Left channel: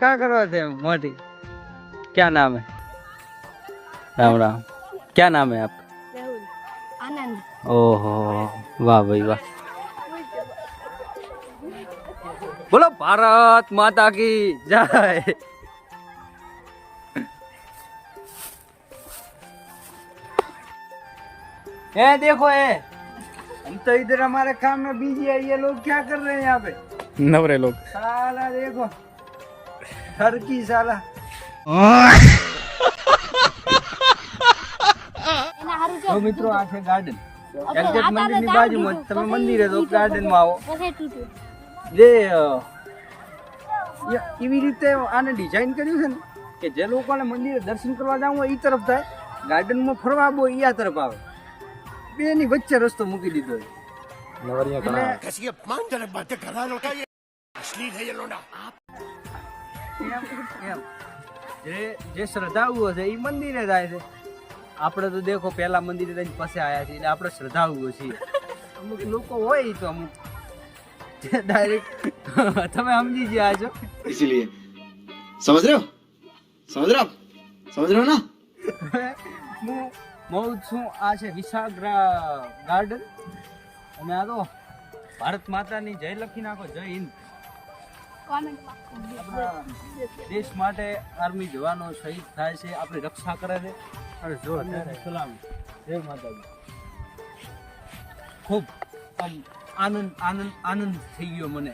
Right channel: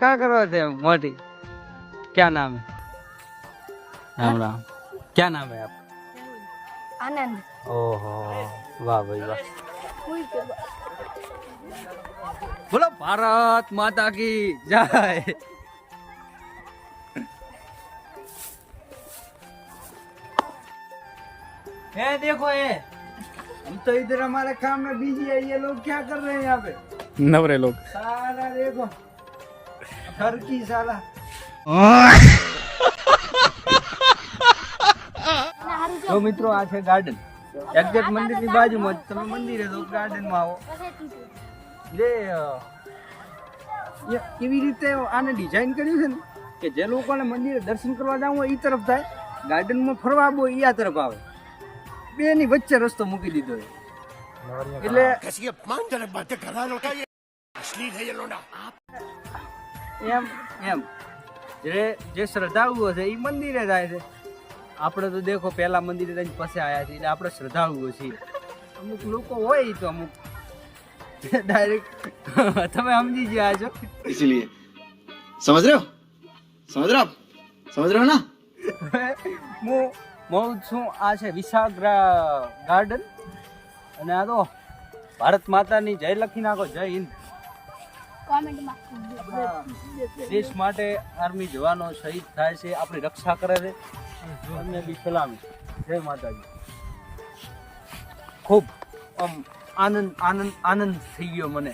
क्या कर रहे थे मोटी? क्या नाम है? राम राम। क्या नाम है आप? आनंद। ओहो वाह भाई वाह। बोलो भारत माता की जय। ये देखो ये, हम तो इधर हमारे काम में बिजी है, ये लोग क्या कर रहे हैं यहाँ पे? नवरे लोग। साला देखो हर की साला। तो मित्रों आ છે ગાર્ડન, એક્ઝેક્ટ મંદિરની બાજુમાં જ. તમે મંદિરે તો ગાર્ડનમાં આવો. જે એવી રીતે આને ડિઝાઇન કર્યું છે ને કે જે લોકોને મંદિરે દર્શન કરવા જવું હોય એ તરફ થાય, ગાર્ડનમાં ફરવા આવવું હોય એ આ તરફ આવે. બેની વચ્ચે રસ્તો મૂકી દીધો છે. એટલે એમ એમ જે શ્રદ્ધાળુઓ છે એ મંદિરે જાય છે. આપણે તો દેખો પહેલા મંદિરે જઈને પછી આવ્યા છીએ, એટલે આપણે શ્રદ્ધાળુઓ છીએ. અમુક લોકો હોય તો અમુક ડાયરેક્ટ તમે સમજી ગયા છો. इसीलिए समझ रहे हो ना. હું છું આ છે વિશાળ ગાર્ડન, અને આ તો ભારત માતાની જય લખી નાખો. જય હિન્દ. આપણા દેશ માટે આર્મી જવાનો શહીદ થાય છે, આપણી રક્ષા કરે છે, અને સલામી. જય માતાજી. ખૂબ આમ આનંદ આનંદ આનંદ થઈ ગયો મને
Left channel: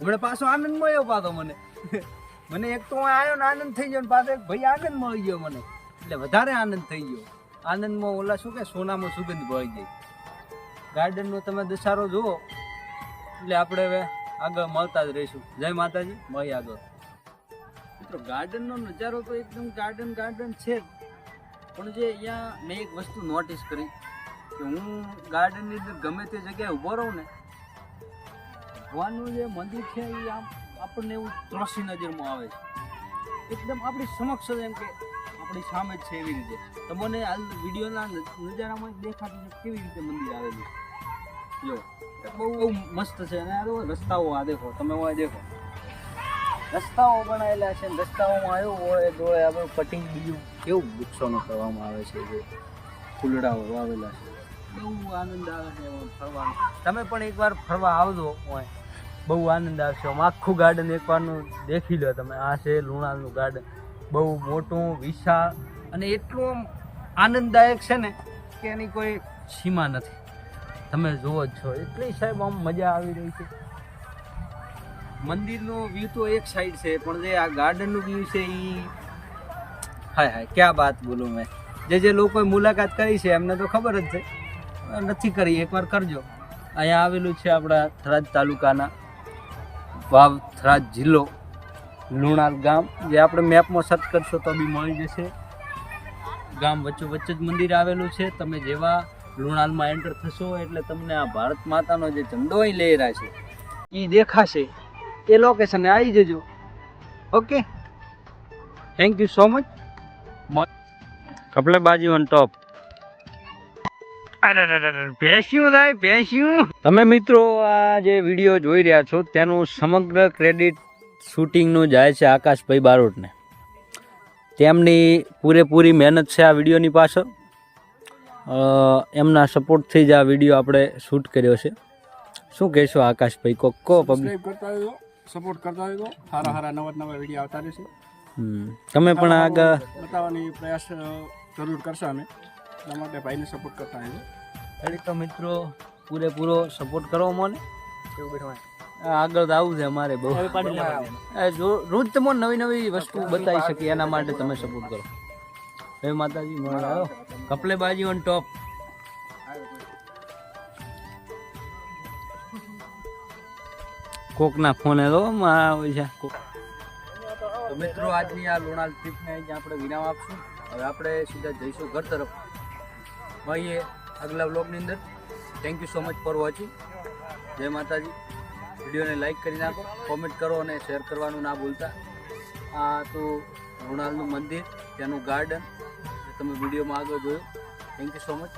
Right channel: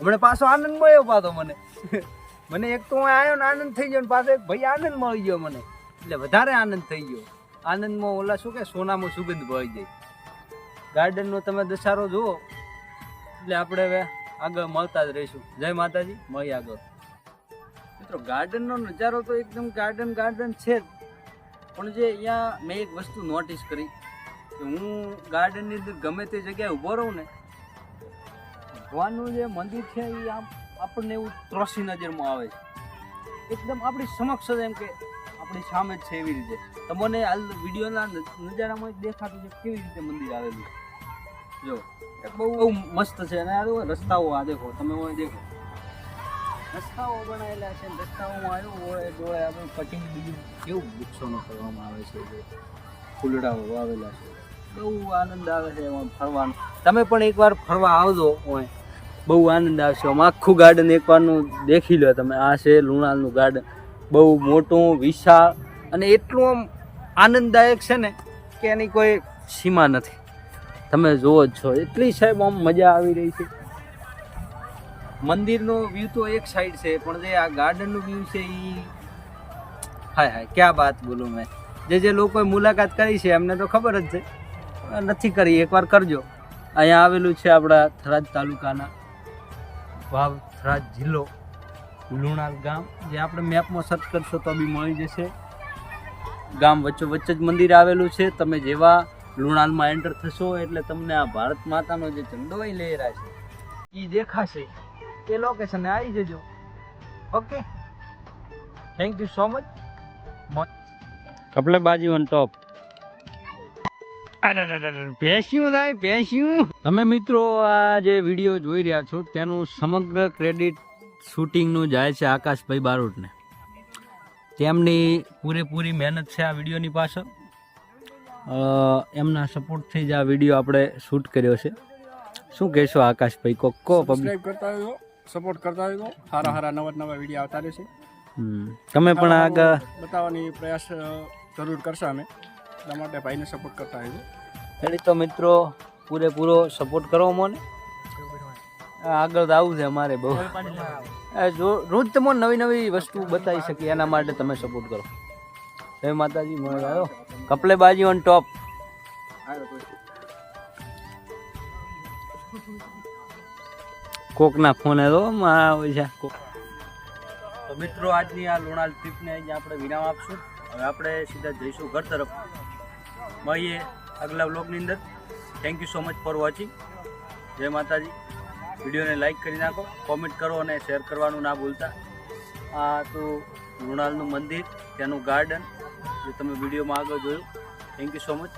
હમણાં. પાછો આનંદ મળ્યો પાછો મને. મને એક તો આવ્યો ને આનંદ થઈ ગયો, ને પાછો એક ભાઈ આનંદ મળી ગયો મને, એટલે વધારે આનંદ થઈ ગયો. આનંદમાં ઓલા શું કે સોનામાં સુગંધ ભળી જાય. ગાર્ડનનો તમે દશારો જુઓ એટલે આપણે હવે આગળ મળતા જ રહીશું. જય માતાજી, મળી આગળ. મિત્રો ગાર્ડનનો નજારો તો એકદમ ગાર્ડન છે જ, પણ જે અહીંયા મેં એક વસ્તુ નોટિસ કરી કે હું ગાર્ડનની અંદર ગમે તે જગ્યાએ ઊભો રહું ને, ભગવાનનું જે મંદિર છે એ આમ આપણને એવું ત્રોસી નજરમાં આવે છે. એકદમ આપણી સમક્ષ જ, એમ કે આપણી સામે જ છે એવી રીતે. તમને હાલ વિડીયોના નજારામાં જ દેખાતું છે કેવી રીતે મંદિર આવેલું. જો બહુ મસ્ત છે. અને આ રસ્તાઓ આ દેખો, તમે હોય દેખો રસ્તાઓ બનાવેલા છે. રસ્તાઓમાં આવ્યો હોય જોડે આપણે કટિંગ બીજું કેવું વૃક્ષોનો કરવામાં આવે છે, જે ફૂલડાઓ વાવેલા છે. બહુ આનંદ આવે છે એમાં ફરવાનો. તમે પણ એકવાર ફરવા આવજો હોય, બહુ આનંદ આવશે. આમ આખું ગાર્ડન એકવારનું દેખી લો તમે. આ છે લુણાલનું ગાર્ડન, બહુ મોટું વિશાળ, અને એટલું આમ આનંદદાયક છે ને કે એની કોઈ સીમા નથી. તમે જુઓ જ છો, એટલી સાહેબ આમ મજા આવી રહી છે. મંદિરનો વ્યૂ તો એક સાઈડ છે, પણ જે આ ગાર્ડનનું વ્યૂ છે એ હાય ક્યાં વાત બોલું મેં. જે લોકોએ મુલાકાત કરી છે એમને તો ખબર જ છે, નથી કરી એકવાર કરજો. અહીંયા આવેલું છે આપણા થરાદ તાલુકાના વાવ, થરાદ જિલ્લો, લુણાલ ગામ. જે આપણે મેપમાં સર્ચ કરશો તો બી મળી જશે. ગામ વચ્ચે જ મંદિર આવેલું છે. તમે જેવા લુણાલમાં એન્ટર થશો એટલે તમને આ ભારત માતાનો જે ઝંડો અહીં લહેરાય છે એ દેખાશે. એ લોકેશને આવી જજો. Okay, thank you so much. કપલે બાજી ઓન ટોપ. ભેંસ્યું. તમે મિત્રો આ જે વિડીયો જોઈ રહ્યા છો તેનું સમગ્ર ક્રેડિટ શૂટિંગનું જાય છે આકાશભાઈ બારોટને. તેમની પૂરેપૂરી મહેનત છે આ વિડીયોની પાછળ. એમના સપોર્ટથી જ આ વિડીયો આપણે શૂટ કર્યો છે. શું કહેશો આકાશભાઈ? કો સબસ્ક્રાઇબ કરતા રહેજો, સપોર્ટ કરતા રહેજો. સારા નવા વિડીયો આવતા રહેશે. તમે પણ આગળ બતાવવાની પ્રયાસ જરૂર કરશો અમે. એટલા માટે ભાઈને સપોર્ટ કરતા રહેજો. તો મિત્રો પૂરેપૂરો સપોર્ટ કરો મને. આગળ આવું છે અમારે બહુ. રોજ તમને નવી વસ્તુ બતાવી શકીએ, એના માટે તમે સપોર્ટ કરો. જય માતાજી. મળો કપલે બાજી ઓન ટોપ. કોકના ફોન તો મિત્રો આજની આ લુણાલ ટ્રીપને આપણે વિરામ આપશું. હવે આપણે સીધા જઈશું ઘર તરફ. મળીએ આગલા વ્લોગની અંદર. Thank you so much for watching. જય માતાજી. વિડીયોને લાઈક કરી નાખો, કોમેન્ટ કરો અને શેર કરવાનું ના ભૂલતા. આ તો લુણાલનું મંદિર, ત્યાંનું ગાર્ડન જે તમે વિડીયોમાં આગળ જોયું. Thank you so much.